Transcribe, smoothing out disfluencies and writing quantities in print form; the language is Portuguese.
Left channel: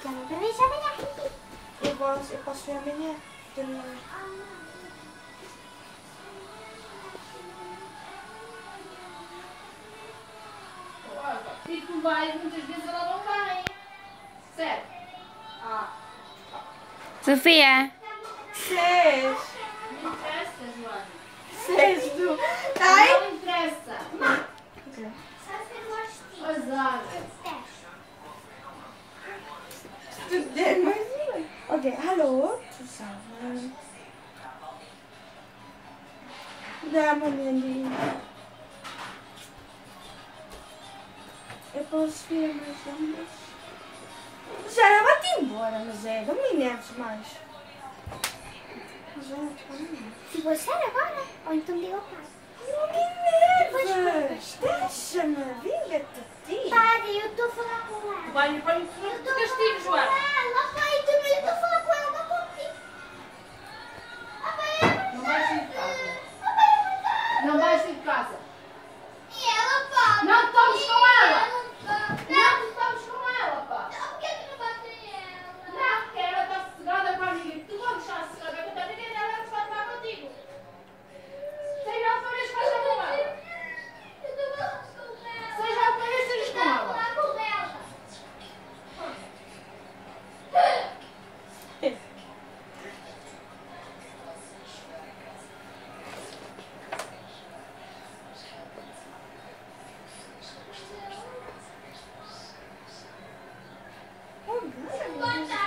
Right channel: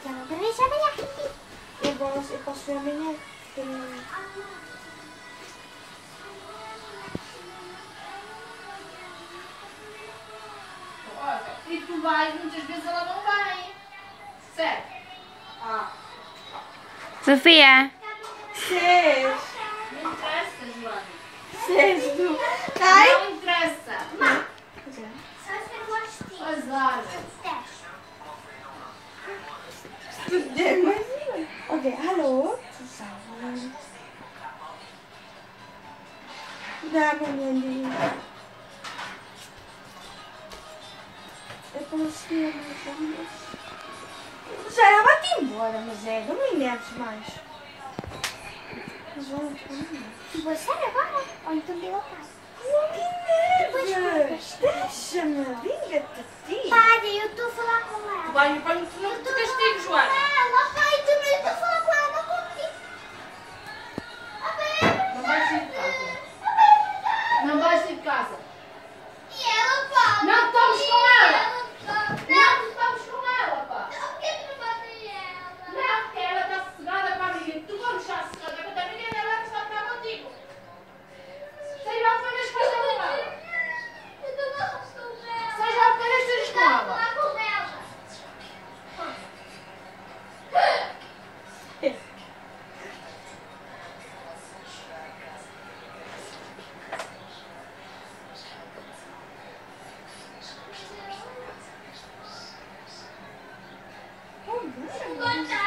que eu não quero ver amanhã. Eu posso ver amanhã. E tu vais, muitas vezes ela não vai. Sério? Sofia! Seis. Não interessa, Joana. Seis do... Ai! Não interessa. Sabes que eu gosto disso? Azar. Estudei mais uma. Ok, alô? Zusammen. Dá uma menina. Eu posso ir mas já ela vai-te embora, mas é, não me enerves mais. Se você agora, ou então diga ao pai. Não me enerves! Deixa-me, vinga-te a ti. Pai, eu estou a falar com ela. Vai, não te castigo, Joana. Ela, pai, também estou a falar com ela, não contigo. Não vais sair de casa. Não vais sair de casa. E ela, pá? Não estamos com ela. Não estamos com ela, pá. Por que tu não bates ela? Não, porque ela está sossegada com a amiga. Tu quando estás sossegada com a tua amiga, ela está a estar contigo. Seja o que queres fazer com ela. Eu não gosto dela. Seja o que queres fazer com ela. Lá com ela. Oh,